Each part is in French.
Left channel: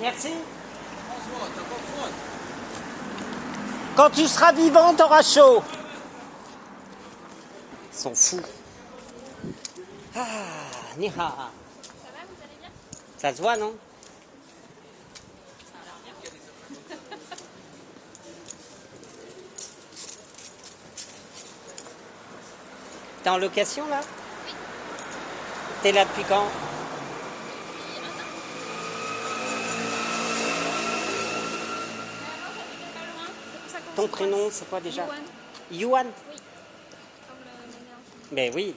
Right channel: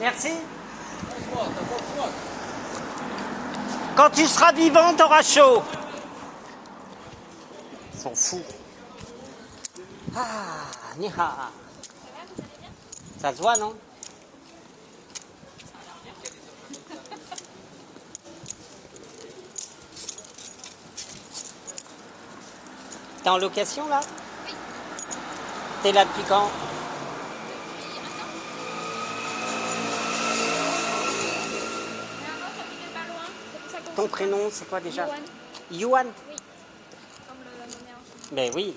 Merci. Quand tu seras vivant, t'auras chaud. Ils sont fous. Ah, ni ha. Ça va, vous allez bien? Ça se voit, non? Ça a l'air bien. T'es en location, là? Oui. T'es là depuis quand? Depuis un an. Mais avant, j'habitais pas loin. C'est pour ça qu'on Ton se prénom, croise. c'est quoi déjà? Yoann. Yuan? Oui. Comme la monnaie. Ben oui.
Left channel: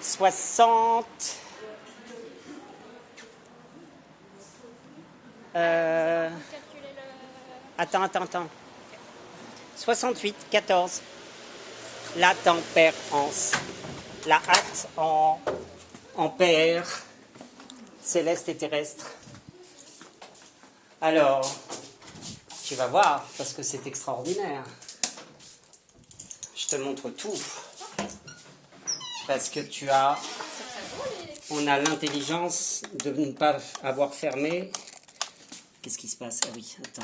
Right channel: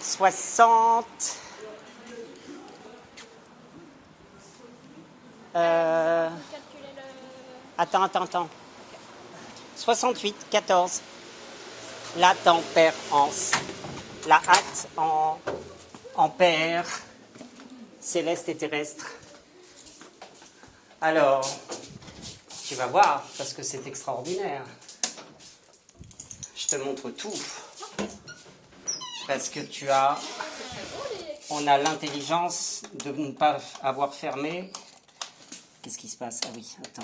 Soixante. Vous calculez le... Attends. 68, 14. La tempérance. La hâte en paire. Céleste et terrestre. Alors, tu vas voir, parce que c'est extraordinaire. Je te montre tout. Parce que on a l'intelligence de ne pas avoir fermé. Qu'est-ce qui se passe? Ah oui, attends.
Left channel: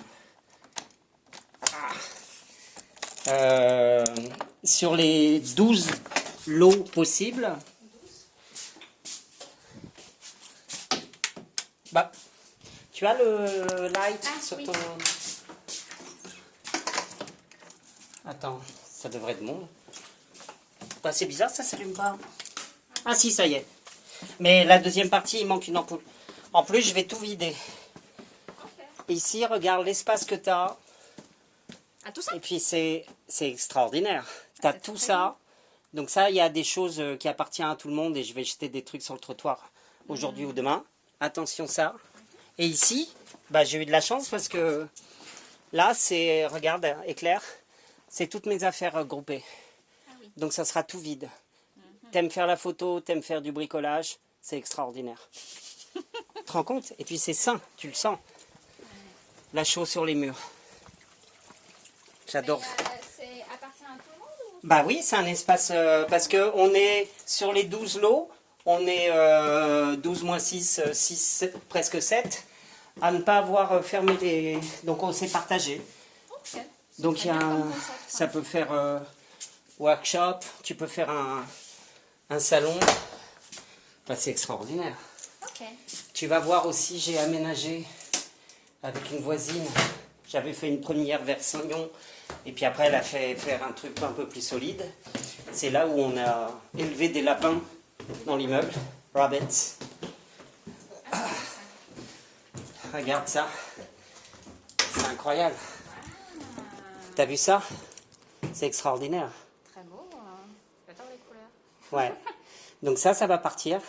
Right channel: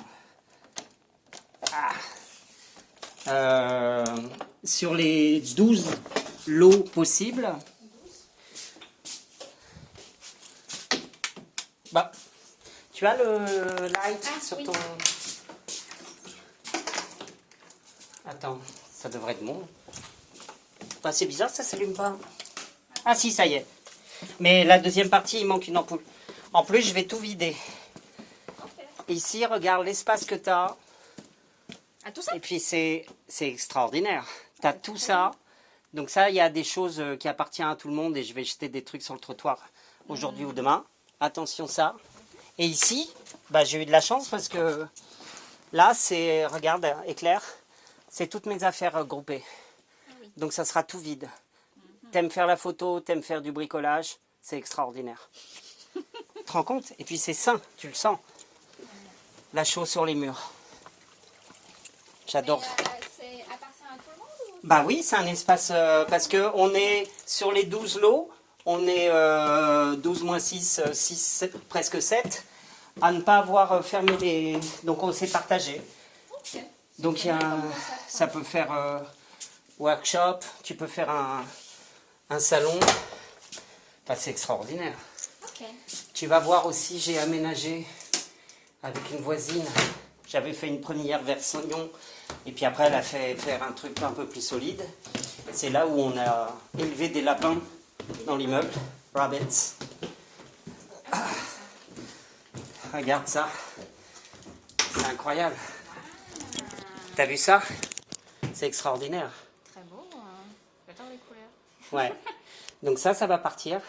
Sur les 12 lots possibles, tu as le light sur oui. ton... Attends, ça devrait être bon. C'est bizarre, ça s'allume pas. Ah si, ça y est. Mais la deuxième partie, il manque une ampoule. En plus, je vais tout vider. Okay. Ici, regarde l'espace que tu as. Ah, tout ça? Et puis, c'est extraordinaire. Tu as tout ça. Donc ça, il y a des choses qui appartiennent à tout le monde et je vais jeter des trucs sur le trottoir aujourd'hui ou demain. Attention ça. Et ici, j'ai eu de la chance parce que là, c'est, regarde, éclair, c'est toutes mes affaires groupées. Donc ça sera tout vide. T'aimes faire la photo, t'aimes faire du bricolage, c'est extraordinaire. Tu te rends compte? Et puis c'est sain, tu le sens. La chaux sur les murs. J'adore. C'est appartient à tout le monde ou... Bah oui, c'est un espace, parce qu'on est sur les 12 lots, on est 12 moins 6, 6, presque 7, à ne pas avoir fermé les... Donc on s'est partagé. Okay. Donc il y a ça peut faire workshop, tu peux faire un salon. Enfin, c'est extraordinaire. Okay. Tu vas voir aussi, j'ai aménagé avec une voisine. J'avais fait une première version et puis après elle a fait faire un truc un peu plus solide. C'est là où on a élevé des lapins dans l'immeuble. Rabbits. Regarde ça. C'est incroyable. T'as vu ça? C'est extraordinaire. Très beau. J'adore les couleurs. Ouais. Donc ça va partir.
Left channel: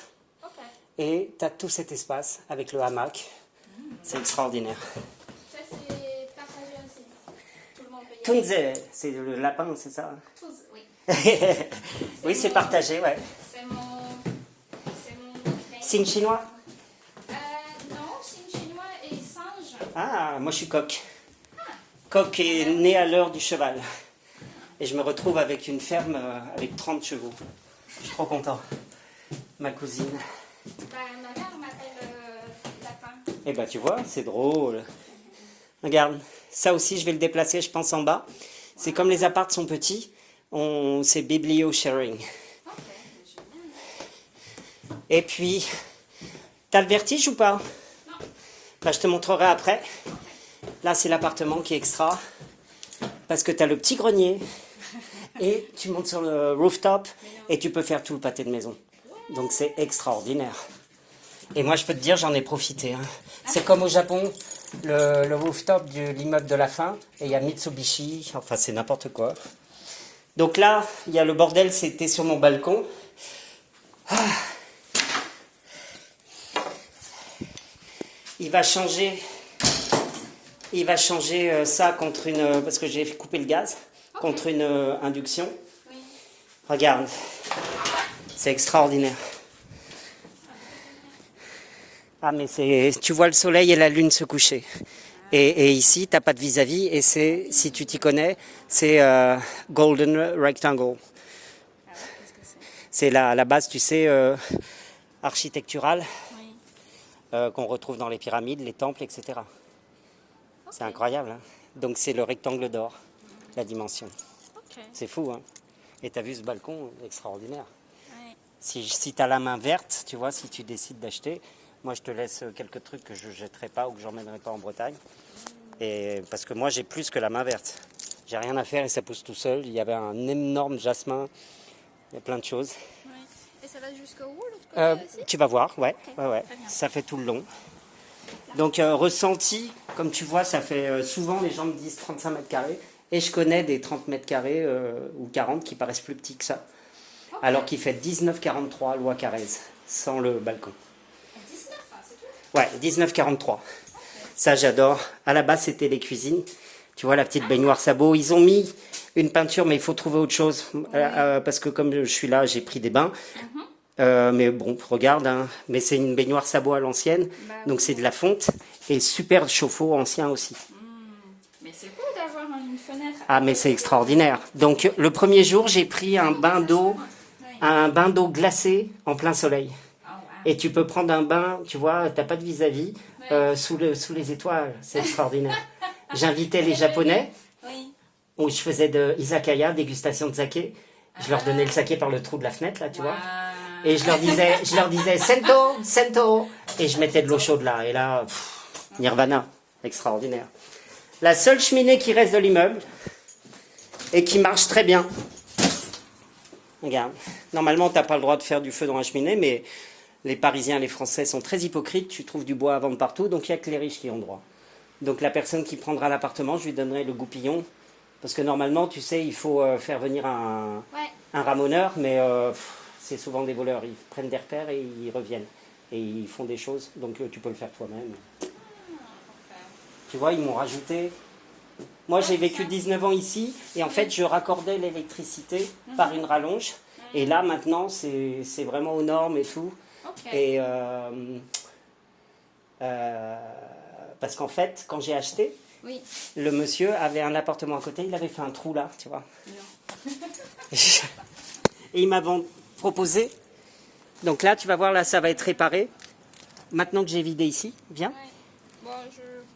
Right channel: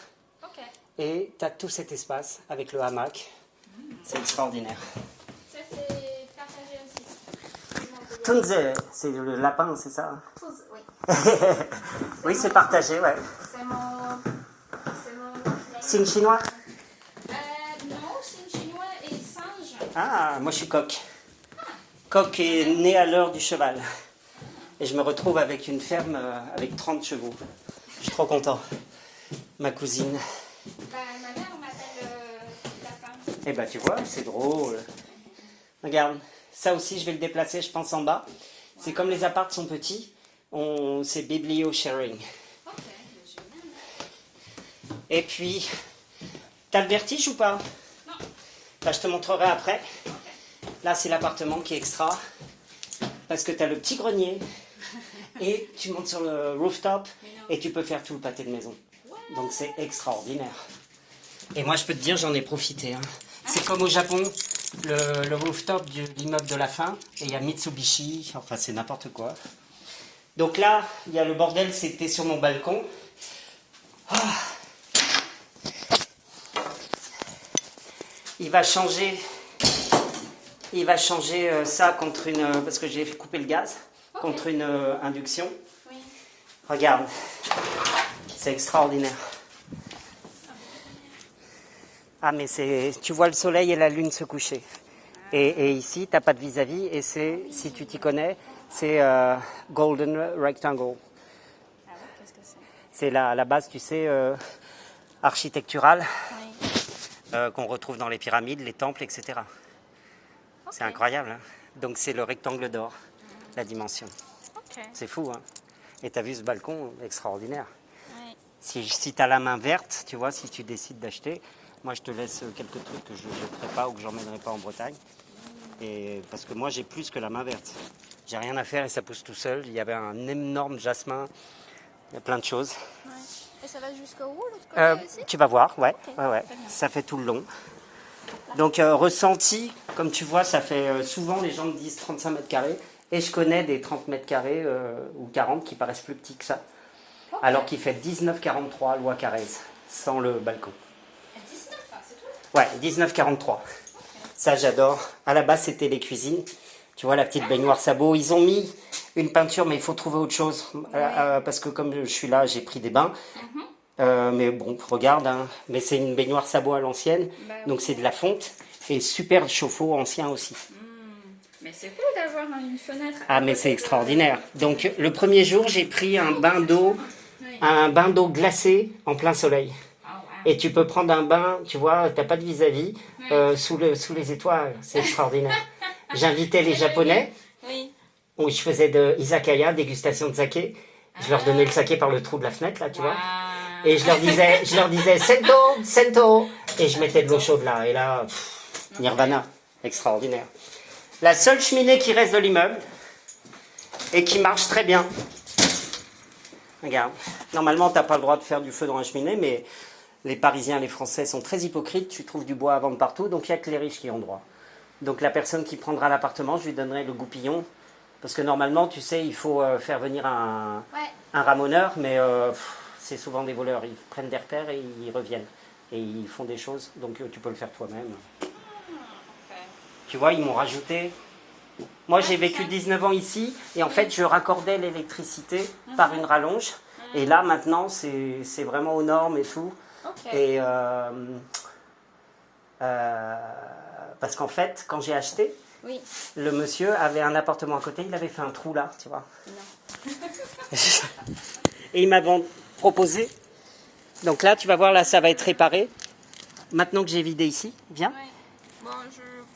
Ok. Et tu as tout cet espace avec le hamac. C'est extraordinaire. Ça, c'est partagé aussi. Tunze, c'est le lapin, c'est ça? Tous, oui. Oui, c'est partagé, ouais. C'est mon... Signe chinois? Non, signe chinois et singe. Ah, moi je suis coq. Coq est né à l'heure du cheval. Et je me retrouve avec une ferme avec 30 chevaux. Je suis trop content. Ma cousine. Ma mère m'appelle lapin. Eh ben tu vois, c'est drôle. Regarde, ça aussi je vais le déplacer, je pense, en bas. C'est comme les apparts sont petits, c'est biblio-sharing. Ok, génial. Et puis, t'as le vertige ou pas? Non. Je te montrerai après. Là, c'est l'appartement qui est extra. Parce que t'as le petit grenier. Et tu montes sur le rooftop et tu peux faire tout le pâté de maison. Donc c'est extraordinaire. Et moi, je peux te dire, j'en ai profité. Hein. C'est comme au Japon, le rooftop de l'immeuble de la fin. Et il y a Mitsubishi, enfin c'est n'importe quoi. Donc là, il y a le bordel, c'était sur mon balcon. Ah. Il va changer ça contre une... Parce que j'ai coupé le gaz. Contre une induction. Oui. Regarde. C'est extraordinaire. Ah, mais tu vois le soleil et la lune se coucher. Et ici, tu n'as pas de vis-à-vis. Et c'est, si tu t'y connais, c'est Golden Rectangle. C'est la base, tu sais, architecturale Oui. qu'on retrouve dans les pyramides, les temples, etc. Ok. C'est incroyable. Hein. Donc c'est le rectangle d'or, la dimension. Ok. C'est fou. Hein. Et tu as vu ce balcon extraordinaire. Ouais. Si tu as la main verte, tu vois, si tu décides d'acheter, moi je te laisse quelques trucs que je ne jetterai pas ou que j'emmènerai pas en Bretagne. Et parce que moi j'ai plus que la main verte. J'ai rien à faire et ça pousse tout seul. Il y avait un énorme jasmin, il y a plein de choses. Ouais. Et ça va jusqu'au bout, l'autre côté aussi? Tu vas voir, ouais, Ok, ouais, ouais. très bien. Ça fait tout le long. Donc ressenti, comme tu vois, ça fait souvent les gens me disent 35 mètres carrés. Et je connais des 30 mètres carrés ou 40 qui paraissent plus petits que ça. Alors qu'il fait 19,43 loi Carrez, sans le balcon. À 19, hein, c'est tout? Ouais, 19,43. Ça, j'adore. À la base, c'était les cuisines. Tu vois, la petite baignoire sabot. Ils ont mis une peinture, mais il faut trouver autre chose. Parce que comme je suis là, j'ai pris des bains. Mais bon, regarde. Hein. Mais c'est une baignoire sabot à l'ancienne. Bah Donc, c'est de la fonte. Et super chauffe-eau ancien aussi. Mais c'est beau d'avoir une fenêtre. Ah, mais c'est extraordinaire. Donc, le premier jour, j'ai pris un bain d'eau glacé en plein soleil. Oh, wow. Et tu peux prendre un bain, tu vois, t'as pas de vis-à-vis, sous les étoiles. C'est extraordinaire. J'invitais les Japonais, Oui. où je faisais de izakaya, dégustation de saké. Je leur donnais le saké par le trou de la fenêtre, là, tu vois. Et je leur disais, sento, sento. Et je mettais de l'eau chaude là. Et là, nirvana. Extraordinaire. La seule cheminée qui reste de l'immeuble, et qui marche très bien. Regarde. Normalement, t'as pas le droit de faire du feu dans la cheminée, mais les Parisiens, les Français sont très hypocrites. Tu trouves du bois à vendre partout, donc il n'y a que les riches qui ont droit. Donc la personne qui prendra l'appartement, je lui donnerai le goupillon. Parce que normalement, tu sais, il faut faire venir un ramoneur, mais c'est souvent des voleurs. Ils prennent des repères et ils reviennent. Et ils font des choses, donc tu peux le faire toi-même. Tu vois, ils m'ont rajouté. Moi, j'ai vécu 19 ans ici, et en fait, je raccordais l'électricité par une rallonge. Et là, maintenant, c'est vraiment aux normes et tout. Et parce qu'en fait, quand j'ai acheté, le monsieur avait un appartement à côté, il avait fait un trou là, tu vois. Et il m'avait proposé. Donc là, tu vas voir, là, ça va être réparé. Maintenant que j'ai vidé ici, viens. Bon,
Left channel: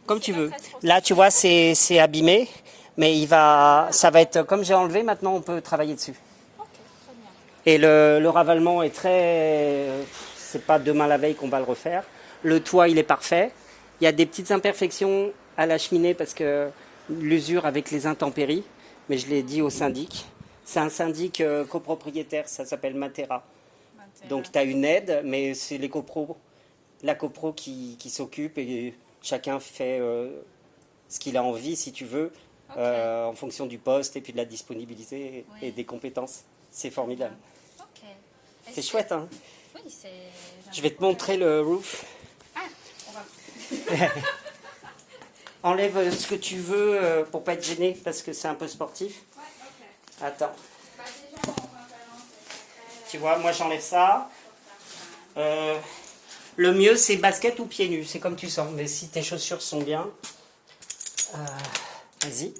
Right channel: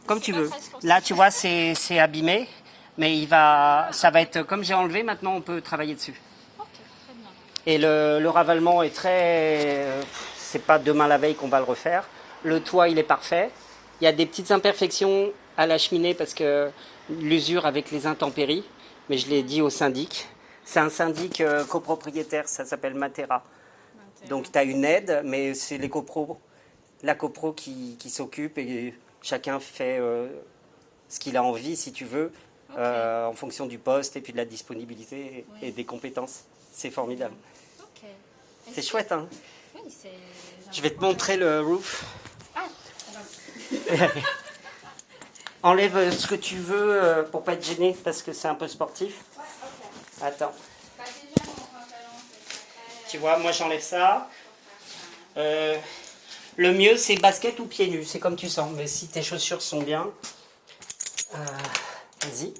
Comme tu veux. Là, tu vois, c'est abîmé, mais ça va être comme j'ai enlevé. Maintenant, on peut travailler dessus. Ok, très bien. Et le ravalement est très. C'est pas demain la veille qu'on va le refaire. Le toit, il est parfait. Il y a des petites imperfections à la cheminée parce que l'usure avec les intempéries. Mais je l'ai dit au syndic. C'est un syndic copropriétaire, ça s'appelle Matera. Donc, tu as une aide, mais c'est la copro qui s'occupe et chacun fait ce qu'il a envie, si tu veux, en fonction du poste et puis de la disponibilité et des compétences. C'est formidable. C'est chouette, hein? Oui, c'est... Je vais te montrer le roof. Ah, on va... Enlève ce que tu veux pour pas être gêné, parce que c'est un peu sportif. Ouais, ok. Attends. Bah, déjà, mon pantalon, c'est... Tu vois, moi j'enlève ça. Le mieux, c'est basket ou pieds nus, c'est comme tu sens. Mais si tes chaussures sont bien, vas-y.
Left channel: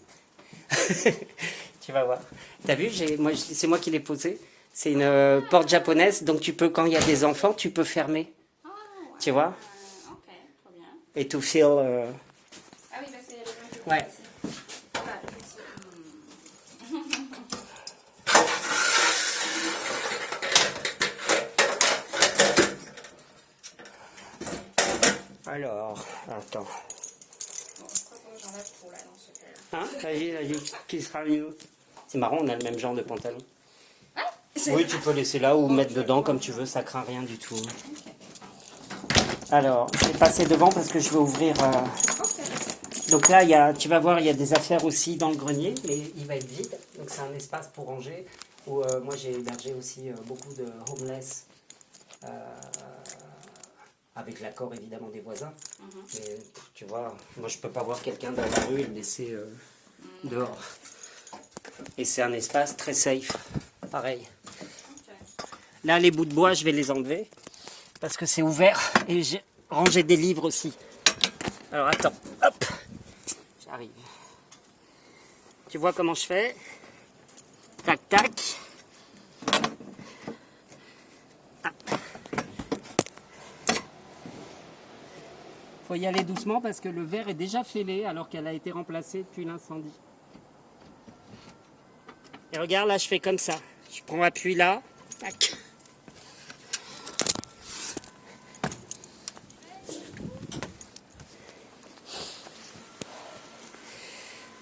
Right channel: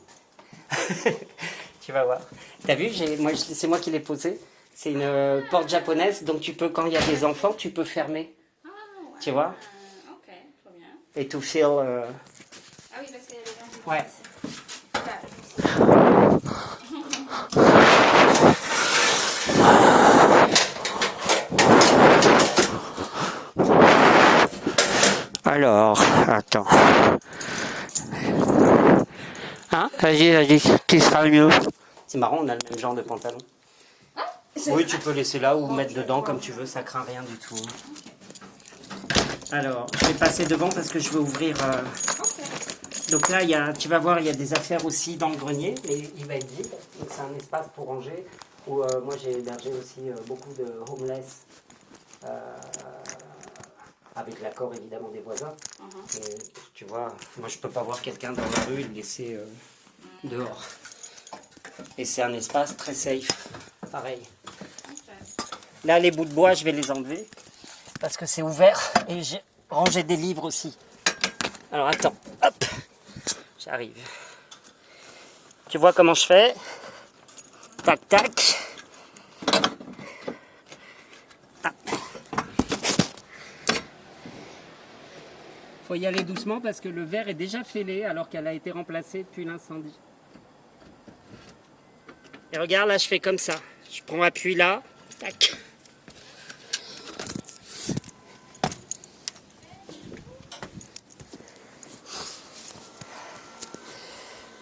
Tu vas voir. T'as vu, c'est moi qui l'ai posé. C'est une porte japonaise, donc tu peux, quand il y a des enfants, tu peux fermer. Ah, ouais. Tu vois? Ok, trop bien. Et to feel. Ah oui, parce qu'il y a les gens qui... Ouais. Alors, attends. Hein? Vas-y, qui sera le mieux? C'est marrant, on a le même genre de pantalon. Oui, tu peux laisser là ou mettre dedans comme tu veux, ça craint rien du tout. Alors, je vais passer devant parce que je vais ouvrir. Donc là, tu vas voir, il y a des affaires aussi dans le grenier et il va être vide. Donc c'est un espace pour ranger où moi j'ai hébergé aussi beaucoup de homeless. Avec l'accord évidemment des voisins. Mais tu vois, moi je peux pas voir quelqu'un dans la rue et le laisser dehors. Et c'est un espace très safe, pareil. Là, les bouts de bois, je vais les enlever parce que c'est ouvert et j'ai rangé des livres aussi. Alors attends, hop, j'arrive. Tu vois comment je fais? Tac, tac. Faut y aller doucement parce que le verre est déjà fêlé alors qu'elle a été remplacée depuis l'incendie. Et regarde, là, je fais comme ça. Je prends appui là. Tac.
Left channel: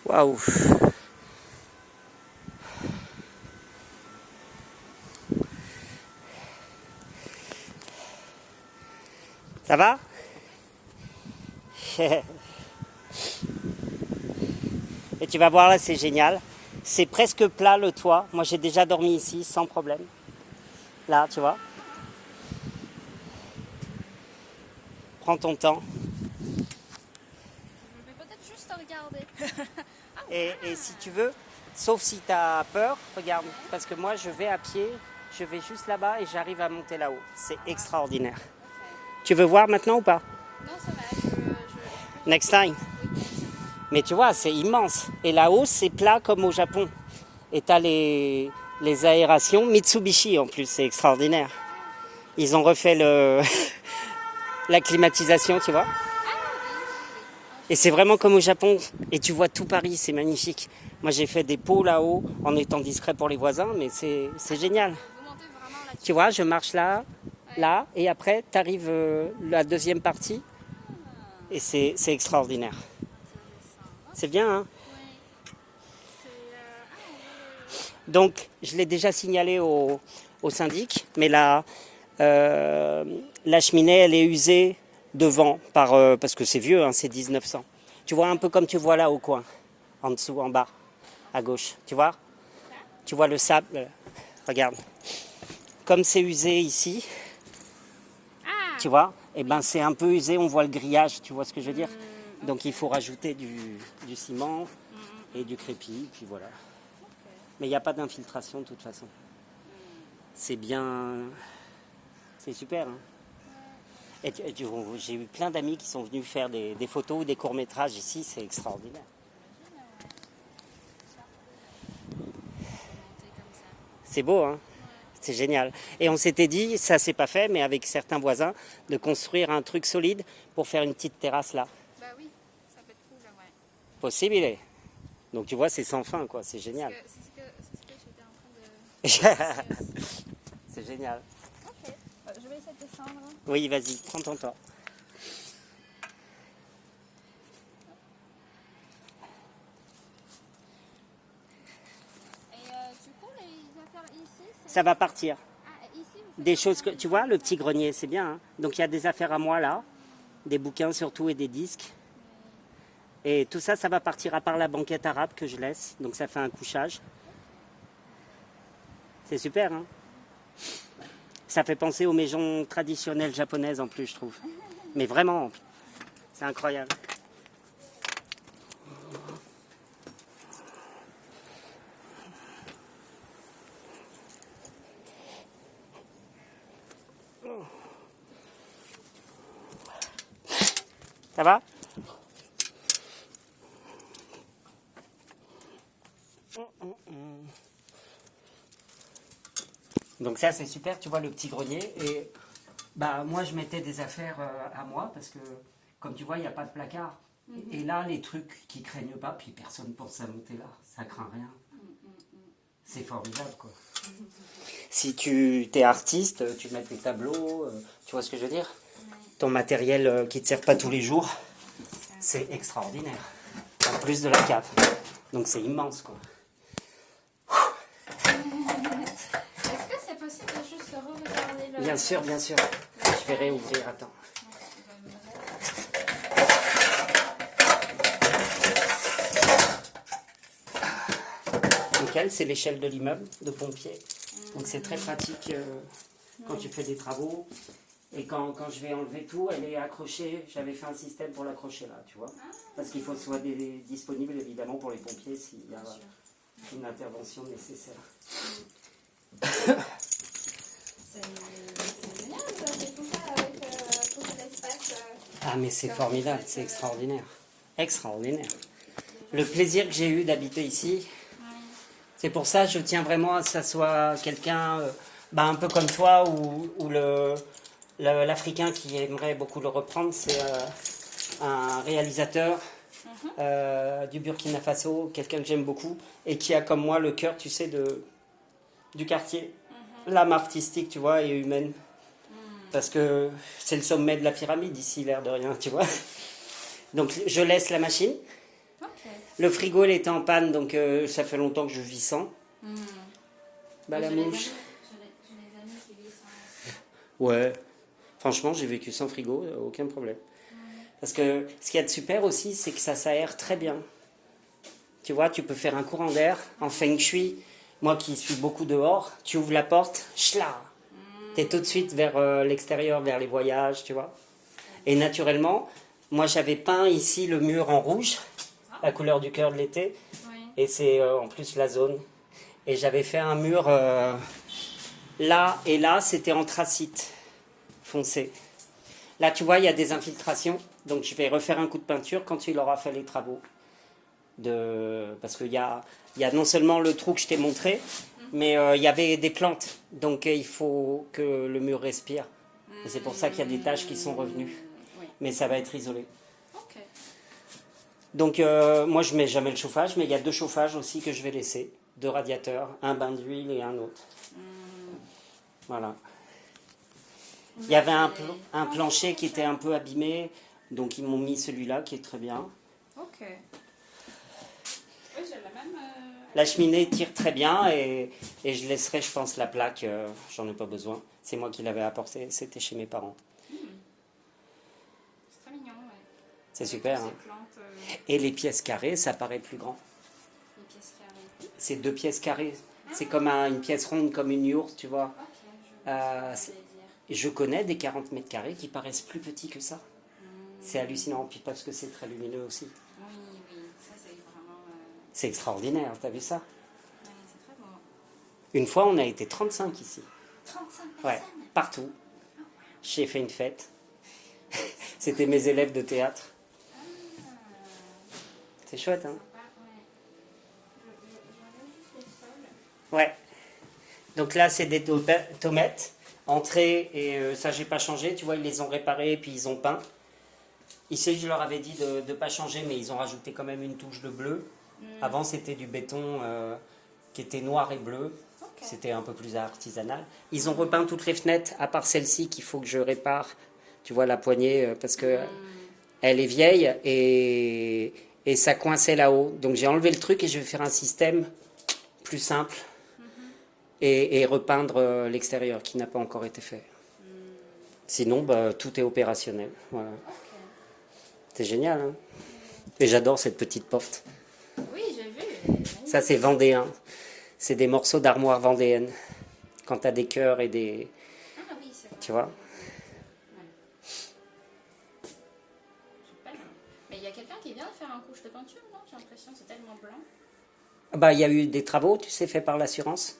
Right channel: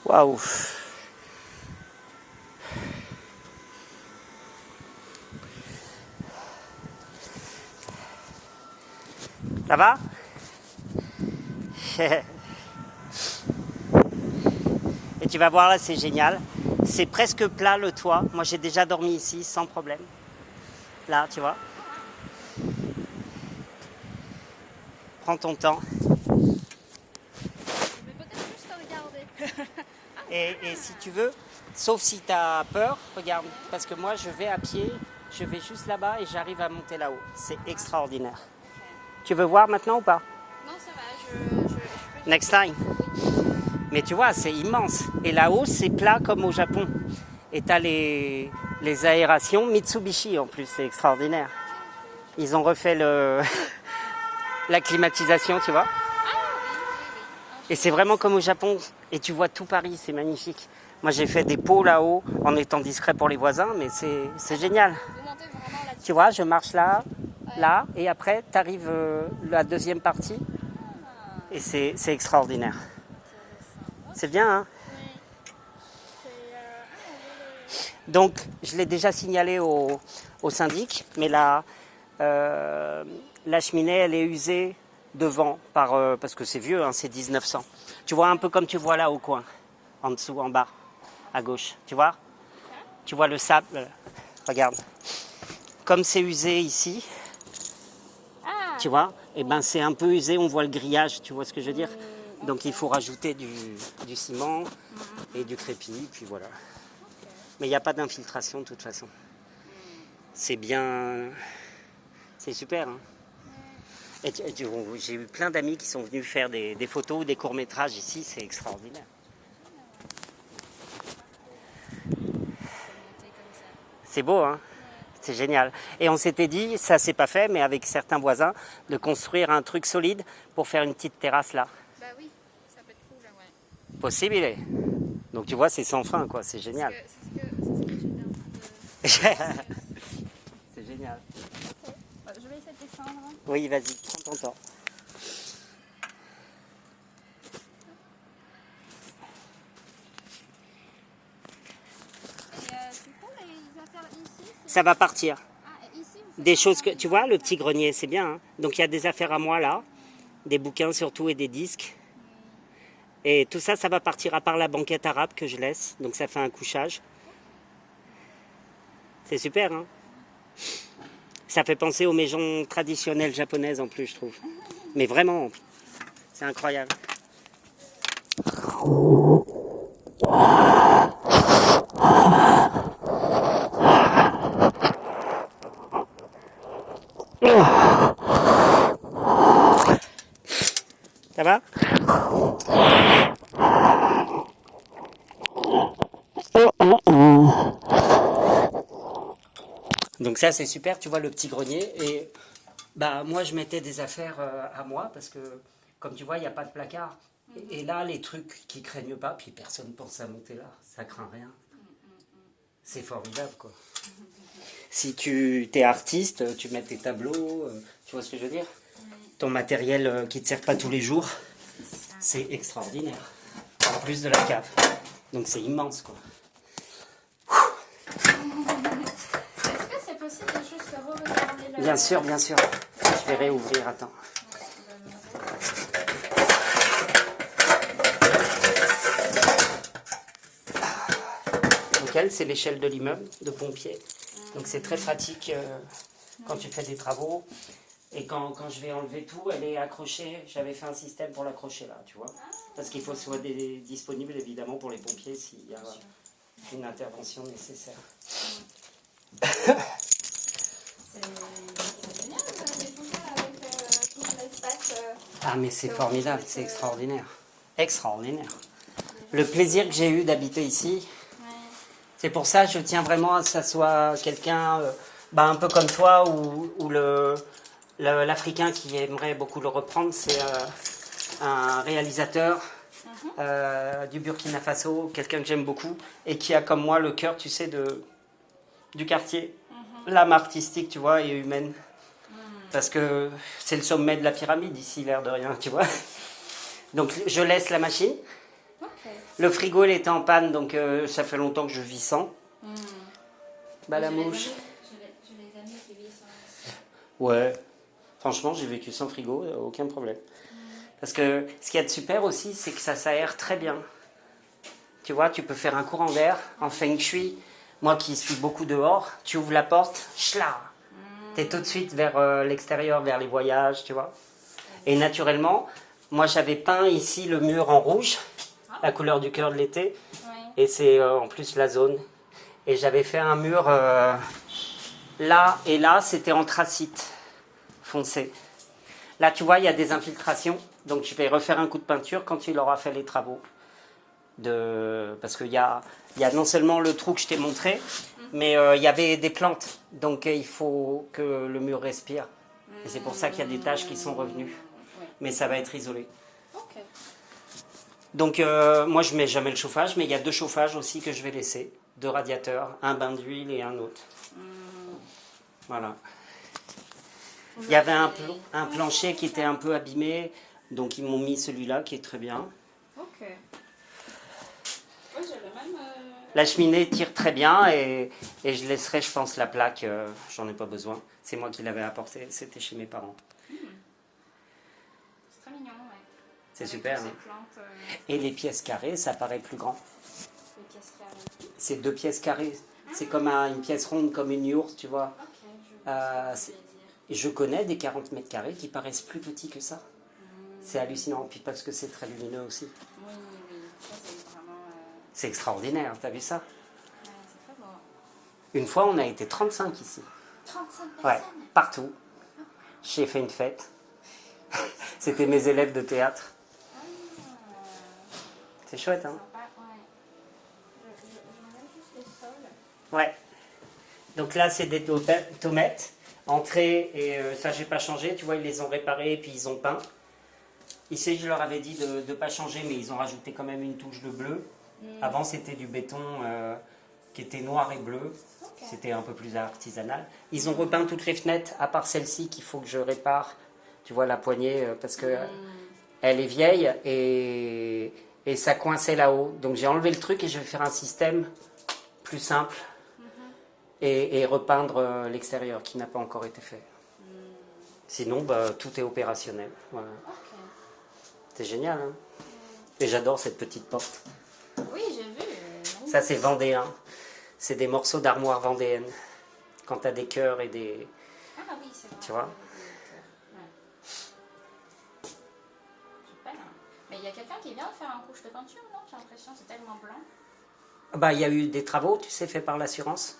Waouh. Ça va? Et tu vas voir là, c'est génial. C'est presque plat le toit. Moi, j'ai déjà dormi ici sans problème. Là, tu vois. Prends ton temps. Je vais peut-être juste regarder. Et si tu veux, sauf si tu as peur, regarde. Parce que moi, je vais à pied, je vais juste là-bas et j'arrive à monter là-haut. C'est extraordinaire. Tu veux voir maintenant ou pas? Non, ça va, Next time. Mais tu vois, c'est immense. Et là-haut, c'est plat comme au Japon. Et tu as les aérations Mitsubishi en plus, c'est extraordinaire. Ils ont refait la climatisation, tu vois. Et c'est vraiment comme au Japon. Et tu vois tout Paris, c'est magnifique. Moi, j'ai fait des pots là-haut en étant discret pour les voisins, mais c'est génial. Vous montez vraiment là-dessus. Tu vois, je marche là, là, et après, tu arrives la deuxième partie. Et c'est extraordinaire. C'est bien, hein? Donc, je l'ai déjà signalé au syndic, mais la cheminée, elle est usée devant, parce que c'est vieux, hein, c'est 1900. Tu vois un peu comme tu vois là au coin, en dessous, en bas, à gauche. Tu vois? Tu vois le sable, regarde. Comme c'est usé ici, tu vois, et ben c'est un peu usé, on voit le grillage, tu vois ce que je veux dire? Donc il faut rajouter du ciment et du crépi, puis voilà. Mais il n'y a pas d'infiltration de toute façon. C'est bien... C'est super, hein. Et j'ai eu plein d'amis qui sont venus faire des photos ou des courts-métrages ici, c'est extraordinaire. C'est beau, hein? C'est génial. Et on s'était dit, ça s'est pas fait, mais avec certains voisins, de construire un truc solide pour faire une petite terrasse là. Bah oui, ça peut être cool, ouais. Possible, il est. Donc tu vois, c'est sans fin, quoi. C'est génial. C'est ce que j'étais en train de... C'est génial. Ok, bah, je vais essayer de descendre. Oui, vas-y, prends ton temps. Et du coup, les affaires ici, c'est... Ça va partir. Ah, ici, vous Des choses que tu vois, le petit grenier, c'est bien, hein. Donc il y a des affaires à moi là, des bouquins surtout et des disques. Et tout ça, ça va partir à part la banquette arabe que je laisse. Donc ça fait un couchage. C'est super, hein. Ça fait penser aux maisons traditionnelles japonaises en plus, je trouve. Mais vraiment, c'est incroyable. Ça va? Donc ça c'est super, tu vois le petit grenier. Et bah moi je mettais des affaires à moi parce que comme tu vois il n'y a pas de placard. Et là les trucs qui craignent pas, puis personne pense à monter là, ça craint rien. C'est formidable quoi. Si tu es artiste, tu mets tes tableaux, tu vois ce que je veux dire? Ton matériel qui ne te sert pas tous les jours, c'est extraordinaire. En plus de la cave. Donc c'est immense quoi. Est-ce que c'est possible de juste regarder le... Bien sûr, bien sûr. Je vais réouvrir, attends. Nickel, c'est l'échelle de l'immeuble de pompier. Donc c'est très pratique quand tu fais des travaux. Et quand je vais enlever tout, elle est accrochée. J'avais fait un système pour l'accrocher là, tu vois. Parce qu'il faut que ce soit disponible évidemment pour les pompiers s'il y a une intervention nécessaire. C'est génial de découvrir avec tout l'espace. Ah mais c'est formidable, c'est extraordinaire. Extraordinaire. Le plaisir que j'ai eu d'habiter ici, c'est pour ça que je tiens vraiment à ce que ça soit quelqu'un un peu comme toi ou l'Africain qui aimerait beaucoup le reprendre, un réalisateur du Burkina Faso, quelqu'un que j'aime beaucoup, et qui a comme moi le cœur, tu sais, du quartier. L'âme artistique, tu vois, et humaine. Parce que c'est le sommet de la pyramide ici, l'air de rien, tu vois. Donc je laisse la machine. Le frigo, il était en panne, donc ça fait longtemps que je vis sans. Bah la mouche. J'ai les amis qui vivent sans. Ouais. Franchement, j'ai vécu sans frigo, aucun problème. Parce que ce qu'il y a de super aussi, c'est que ça s'aère très bien. Tu vois, tu peux faire un courant d'air en feng shui. Moi qui suis beaucoup dehors, tu ouvres la porte, schla, t'es tout de suite vers l'extérieur, vers les voyages, tu vois. Et naturellement, moi j'avais peint ici le mur en rouge, la couleur du cœur de l'été, et c'est en plus la zone. Et j'avais fait un mur là et là, c'était anthracite foncé. Là, tu vois, il y a des infiltrations, donc je vais refaire un coup de peinture quand il aura fait les travaux. Parce qu'il y a non seulement le trou que je t'ai montré, mais il y avait des plantes, donc il faut que le mur respire. Et c'est pour ça qu'il y a des taches qui sont revenues, mais ça va être isolé. Donc moi je mets jamais le chauffage, mais il y a 2 chauffages aussi que je vais laisser, 2 radiateurs, un bain d'huile et un autre. Voilà. Il y avait un plancher qui était un peu abîmé, donc ils m'ont mis celui-là qui est très bien. Ok. Oui, j'avais même. La cheminée tire très bien et je laisserai, je pense, la plaque, j'en ai pas besoin. C'est moi qui l'avais apporté, c'était chez mes parents. C'est très mignon, ouais. C'est Avec super. toutes Hein. ces plantes, Et les pièces carrées, ça paraît plus grand. les pièces carrées. C'est 2 pièces carrées. C'est comme une pièce ronde, comme une yourte, tu vois. Ok, je vois ce que vous voulez dire. Je connais des 40 mètres carrés qui paraissent plus petits que ça. C'est hallucinant, puis parce que c'est très lumineux aussi. Oui, ça c'est vraiment. C'est extraordinaire, t'as vu ça? Ouais, c'est très beau. Une fois, on a été 35 ici. 35 Ouais, personnes. partout. J'ai fait une fête. C'était mes élèves de théâtre. C'est chouette, hein? Sympa, ouais. J'enlève juste les sols. Ouais. Donc là, c'est des tomates. Entrée, et ça, j'ai pas changé. Tu vois, ils les ont réparés et puis ils ont peint. Ici, je leur avais dit de ne pas changer, mais ils ont rajouté quand même une touche de bleu. Avant, c'était du béton qui était noir et bleu. C'était un peu plus artisanal. Ils ont repeint toutes les fenêtres, à part celle-ci qu'il faut que je répare. Tu vois, la poignée, parce que elle est vieille et ça coinçait là-haut. Donc j'ai enlevé le truc et je vais faire un système plus simple et repeindre l'extérieur qui n'a pas encore été fait. Sinon, bah, tout est opérationnel. Voilà. C'est génial, hein? Et j'adore cette petite porte. Oui, j'ai vu. Ça, c'est vendéen. C'est des morceaux d'armoire vendéenne. Quand tu as des cœurs et des... Ah oui, c'est vrai. Tu vois? Super. Mais il y a quelqu'un qui vient de faire un couche de peinture, non? J'ai l'impression c'est tellement blanc. Bah, il y a eu des travaux, tu sais, faits par l'assurance.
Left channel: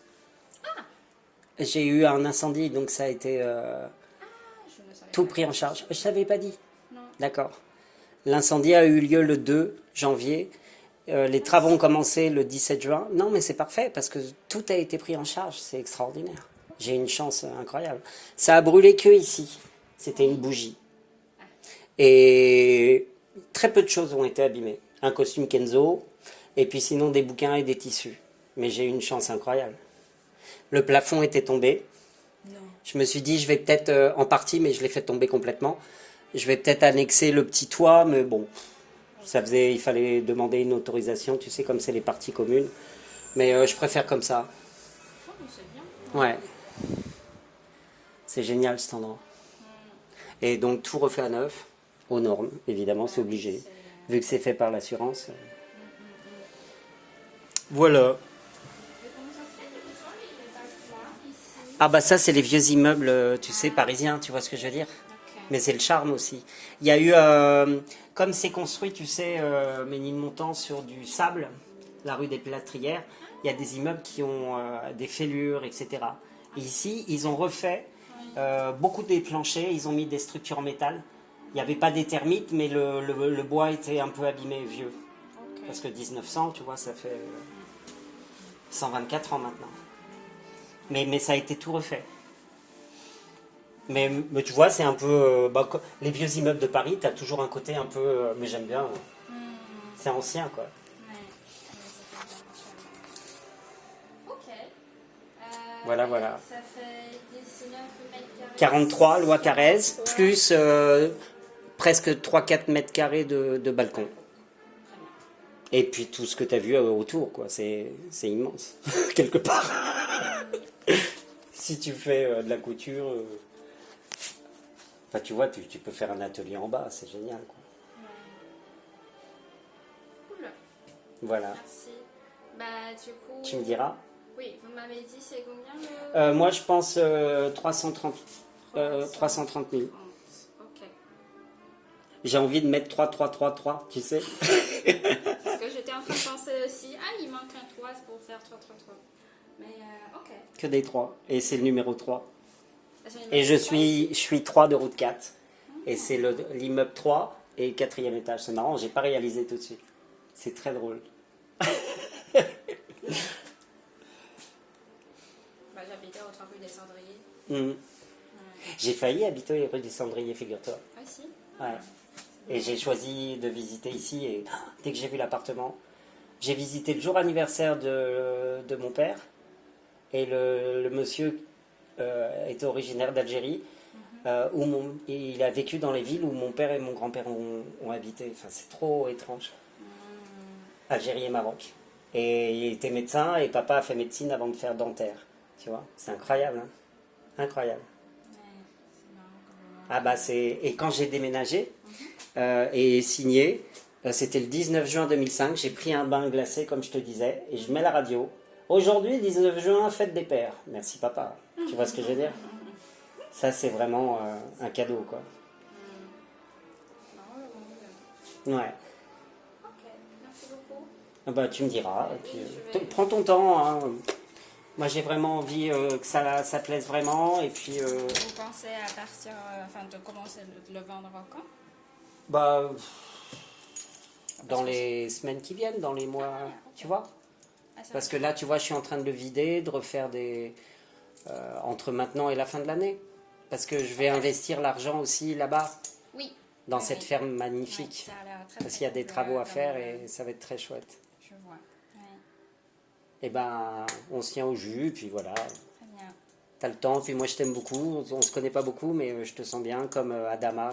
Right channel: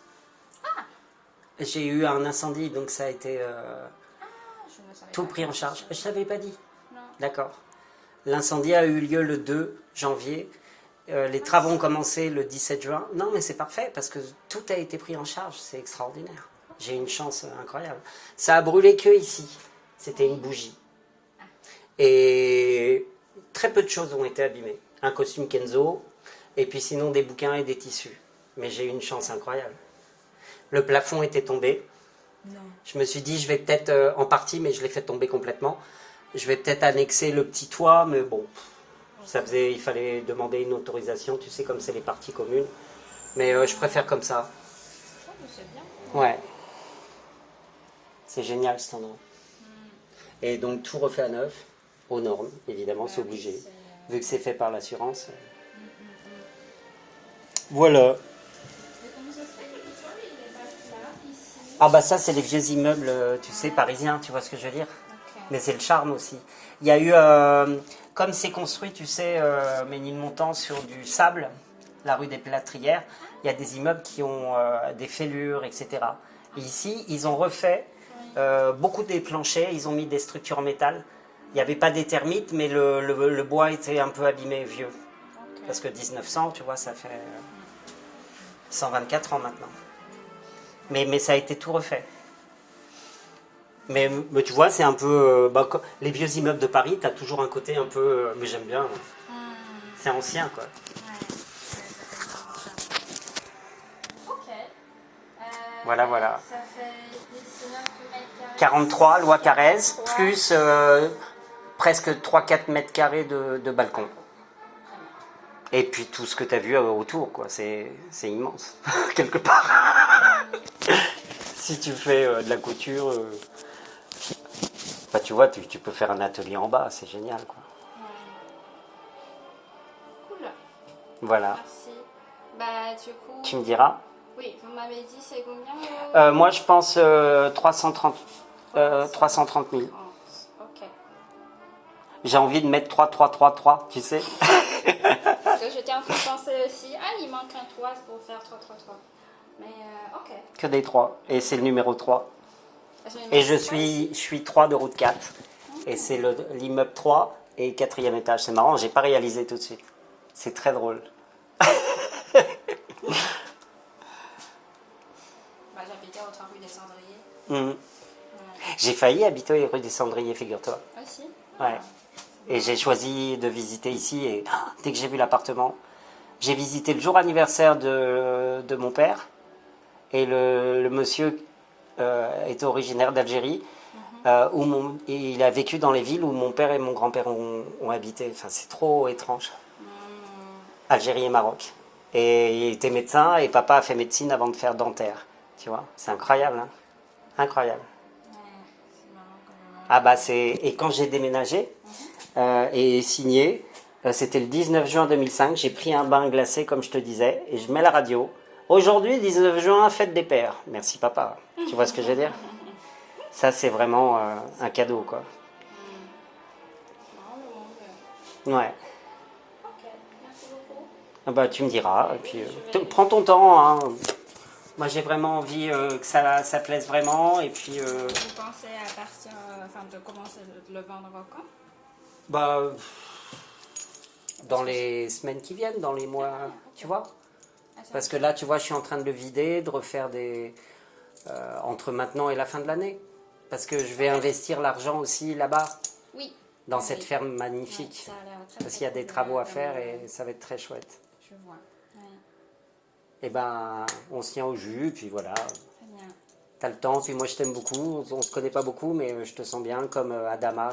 J'ai eu un incendie, donc ça a été Je me savais tout pas. pris en charge. Je t'avais pas dit. Non. D'accord. L'incendie a eu lieu le 2 janvier. Les travaux ont commencé le 17 juin. Non, mais c'est parfait parce que tout a été pris en charge. C'est extraordinaire. J'ai une chance incroyable. Ça a brûlé que ici. C'était une bougie. Et très peu de choses ont été abîmées. Un costume Kenzo, et puis sinon des bouquins et des tissus. Mais j'ai eu une chance incroyable. Le plafond était tombé. Non. Je me suis dit, je vais peut-être, en partie, mais je l'ai fait tomber complètement. Je vais peut-être annexer le petit toit, mais bon, il fallait demander une autorisation, tu sais, comme c'est les parties communes. Mais je préfère comme ça. Oh, mais c'est bien. Ouais. C'est génial cet endroit. Et donc tout refait à neuf, aux normes, évidemment, c'est obligé. Vu que c'est fait par l'assurance. Voilà. Et comment ça se fait que le sol il est pas plat ici? Ah bah ça, c'est les vieux immeubles, tu sais, parisiens, tu vois ce que je veux dire? Mais c'est le charme aussi. Il y a eu, comme c'est construit, tu sais, Ménilmontant sur du sable, la rue des Plâtrières, il y a des immeubles qui ont des fêlures, etc. Et ici, ils ont refait beaucoup des planchers, ils ont mis des structures en métal. Il n'y avait pas des termites, mais le bois était un peu abîmé, vieux. Parce que 1900, tu vois, ça fait 124 ans maintenant. Mais ça a été tout refait. Mais tu vois, c'est un peu... les vieux immeubles de Paris, tu as toujours un côté un peu... mais j'aime bien. Moi. C'est ancien, quoi. Ouais, ça s'appelle Ok. Voilà, voilà. Ça fait 19 mètres carrés. 43, loi Carrez, 43. plus presque 3-4 mètres carrés de balcon. Et puis tout ce que tu as vu autour, quoi. C'est immense, quelque part. Si tu fais de la couture, tu vois, tu peux faire un atelier en bas, c'est génial, quoi. Cool. Voilà. Merci. Bah, du coup. Tu me diras. Oui, vous m'avez dit c'est combien Moi, je pense 330 000. Ok. J'ai envie de mettre 3, 3, 3, 3, tu sais. Parce que j'étais en train de penser aussi, il manque un 3 pour faire 3, 3, 3. Mais ok. Que des 3. Et c'est le numéro 3. Est-ce que Et numéro 3 je suis 3 de route 4. Et c'est l'immeuble 3 et 4e étage. C'est marrant, j'ai pas réalisé tout de suite. C'est très drôle. J'habitais au 3 rue des Cendriers. J'ai failli habiter rue des Cendriers, figure-toi. Aussi. Ouais. Et j'ai choisi de visiter ici. Et dès que j'ai vu l'appartement, j'ai visité le jour anniversaire de mon père. Et le monsieur est originaire d'Algérie. Et il a vécu dans les villes où mon père et mon grand-père ont habité. Enfin, c'est trop étrange. Algérie et Maroc. Et il était médecin et papa a fait médecine avant de faire dentaire. Tu vois, c'est incroyable, hein. Incroyable. Ah bah c'est... Et quand j'ai déménagé et signé, c'était le 19 juin 2005, j'ai pris un bain glacé comme je te disais et je mets la radio. Aujourd'hui, 19 juin, fête des pères. Merci papa. Tu vois ce que je veux dire? Ça c'est vraiment un cadeau, quoi. Ouais. Ok, merci beaucoup. Ah bah tu me diras. Et puis, prends ton temps, hein. Moi j'ai vraiment envie que ça plaise vraiment. Et puis... Vous pensez à partir, de commencer le vendre quand? Bah, dans les semaines qui viennent, dans les mois, tu vois. Parce que là, tu vois, je suis en train de le vider, de refaire entre maintenant et la fin de l'année. Parce que je vais investir l'argent aussi là-bas, Oui. dans cette ferme Oui, magnifique. ça a l'air très Parce qu'il y a des travaux à faire et ça va être très chouette. Je vois. Oui. Et ben, on se tient au jus, puis voilà. Très bien. T'as le temps, puis moi je t'aime beaucoup. On se connaît pas beaucoup, mais je te sens bien, comme Adama,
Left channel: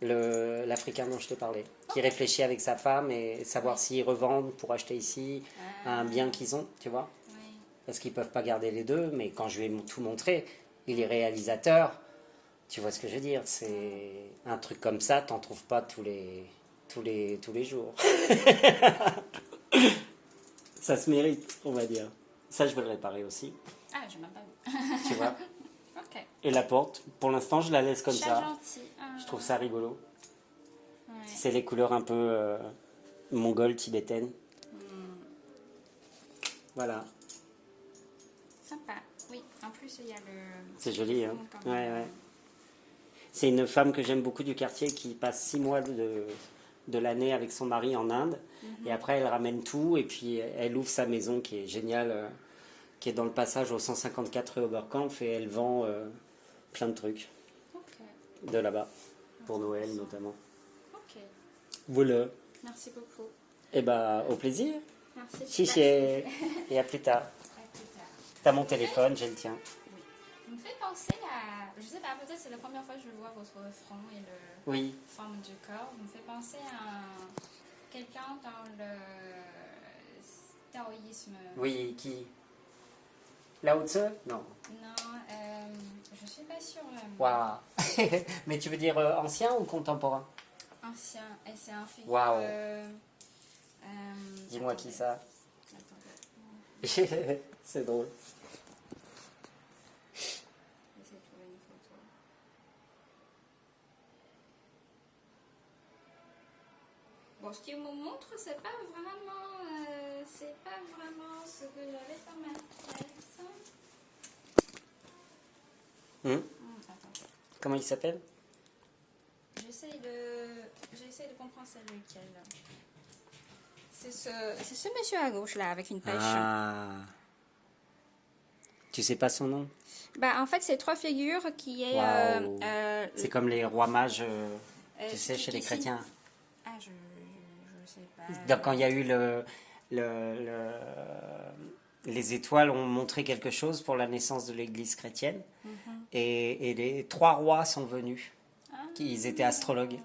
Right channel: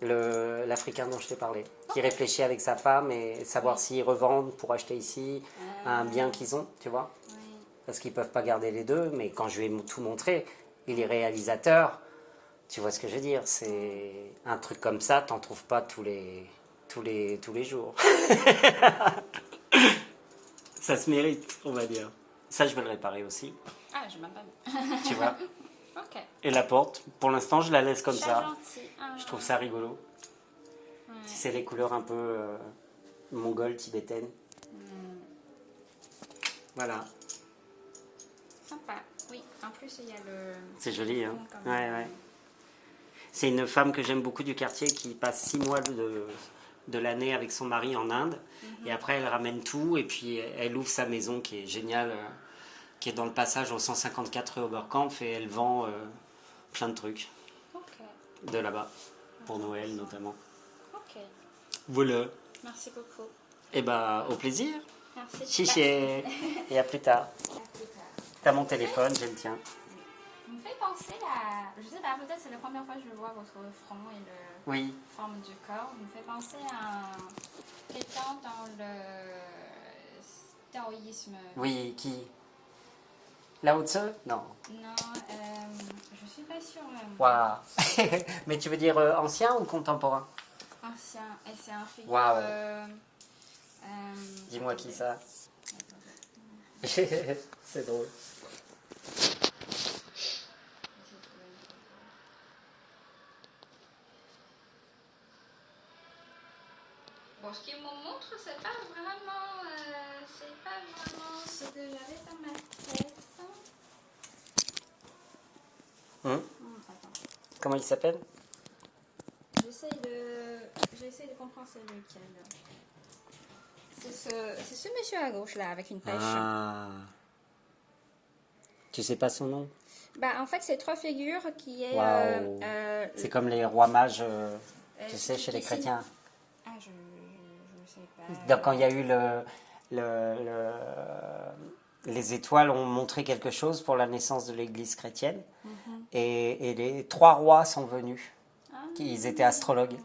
l'Africain dont je te parlais, qui réfléchit avec sa femme et savoir s'ils revendent pour acheter ici un bien qu'ils ont, tu vois. Oui. Parce qu'ils peuvent pas garder les deux, mais quand je lui ai tout montré, il est réalisateur, tu vois ce que je veux dire, c'est un truc comme ça, t'en trouves pas tous les jours. Ça se mérite, on va dire. Ça, je vais le réparer aussi, Ah, je m'en pas. tu vois. Ok. Et la porte, pour l'instant, je la laisse comme Très ça. gentil. Je trouve ça rigolo. Ouais. C'est les couleurs un peu mongoles, tibétaines. Voilà. Sympa. Oui, en plus, il y a le... C'est joli, hein. Quand même. Ouais. C'est une femme que j'aime beaucoup du quartier qui passe 6 mois de l'année avec son mari en Inde. Et après, elle ramène tout et puis elle ouvre sa maison qui est géniale, qui est dans le passage au 154 rue Oberkampf et elle vend plein de trucs Ok. de là-bas, pour Noël notamment. Ok. Voilà. Merci beaucoup. Et bah, au plaisir. Merci. Chiché. Et à plus tard. À plus tard. T'as mon téléphone, j'ai le tien. Vous me fait penser à... Je sais pas, peut-être c'est la première fois que je vois votre front et la Oui. forme du corps. Vous me fait penser à quelqu'un dans le taoïsme. Oui, qui Lao Tzu? Non. Non, je suis pas sûre même. Waouh. Mais tu veux dire ancien ou contemporain? Ancien. Et c'est un figure... Waouh. Dis-moi qui ça. C'est drôle. Bon, ce qu'il me montre, c'est pas vraiment ce que j'avais dans ma tête. Attends. Comment il s'appelle? J'essaie de comprendre c'est lequel. C'est ce monsieur à gauche là avec une pêche. Ah. Tu sais pas son nom? Bah, en fait, c'est 3 figures qui est... Waouh. C'est comme les rois mages, tu sais, chez les qui chrétiens. Ah, je sais pas. Donc, quand il y a eu les étoiles ont montré quelque chose pour la naissance de l'Église chrétienne. Et les 3 rois sont venus. Ils étaient astrologues.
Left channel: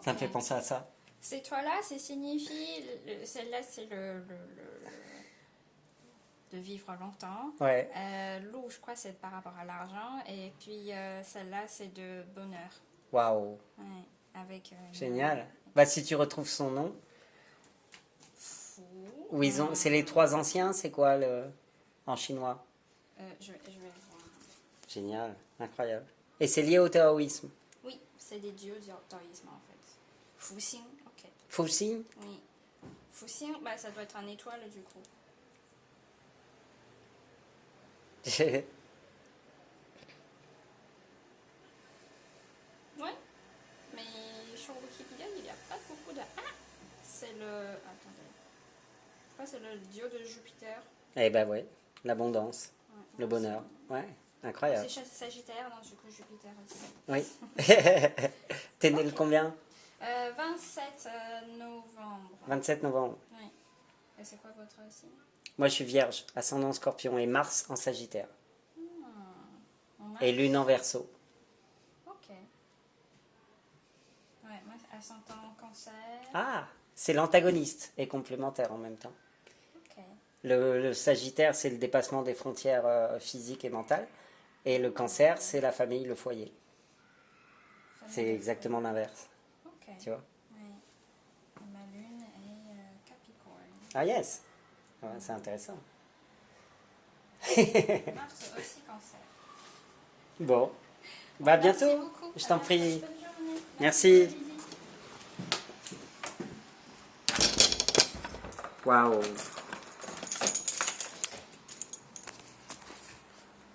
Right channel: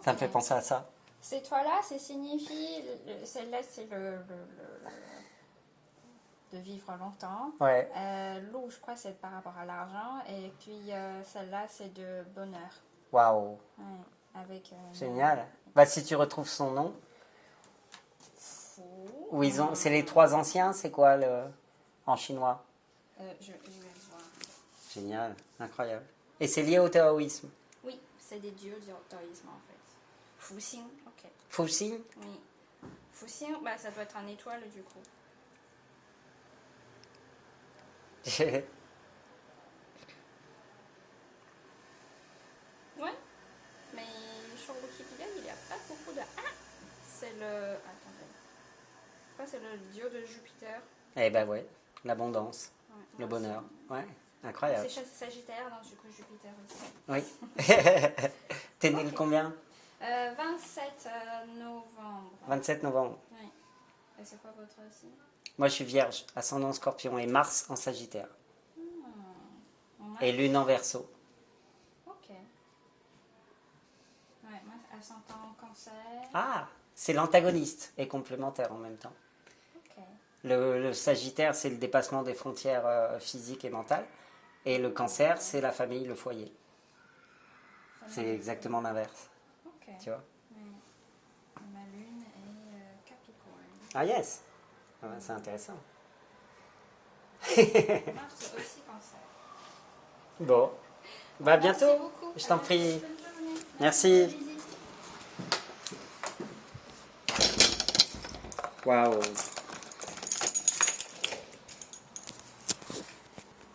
Ça me fait penser à ça. Ces toits-là, ça signifie... Celle-là, c'est de vivre longtemps. Ouais. L'eau, je crois, c'est par rapport à l'argent. Et puis, celle-là, c'est de bonheur. Waouh. Ouais, avec... Génial. Bah, si tu retrouves son nom. Où c'est les 3 anciens, c'est quoi en chinois? Je vais voir. Génial, incroyable. Et c'est lié au taoïsme. Oui, c'est des dieux du taoïsme en fait. Fuxing, ok. Fuxing? Oui. Fuxing, bah, ça doit être un étoile du coup. Ouais, mais sur Wikipédia, il n'y a pas beaucoup de... Ah, c'est le... Attendez. Je crois que c'est le dieu de Jupiter. Eh ben ouais, l'abondance, Ouais. le bonheur. Ouais, incroyable. C'est Sagittaire, donc du coup Jupiter aussi. Oui. T'es né le combien? 27 novembre. 27 novembre. Oui. Et c'est quoi votre signe? Moi, je suis vierge, ascendant scorpion et Mars en Sagittaire. Ouais. Et Lune en Verseau. Ok. Ouais, moi, ascendant cancer. Ah, c'est l'antagoniste et complémentaire en même temps. Ok. Le Sagittaire, c'est le dépassement des frontières physiques et mentales. Et le Cancer, c'est la famille, le foyer. C'est exactement l'inverse. Ok. Tu vois? Oui. Ma lune est Capricorne. Ah yes. Ah ouais, c'est intéressant. Mars aussi cancer. Bon. Bah à bientôt. Merci beaucoup. Je t'en prie. Bonne journée. Merci. Waouh.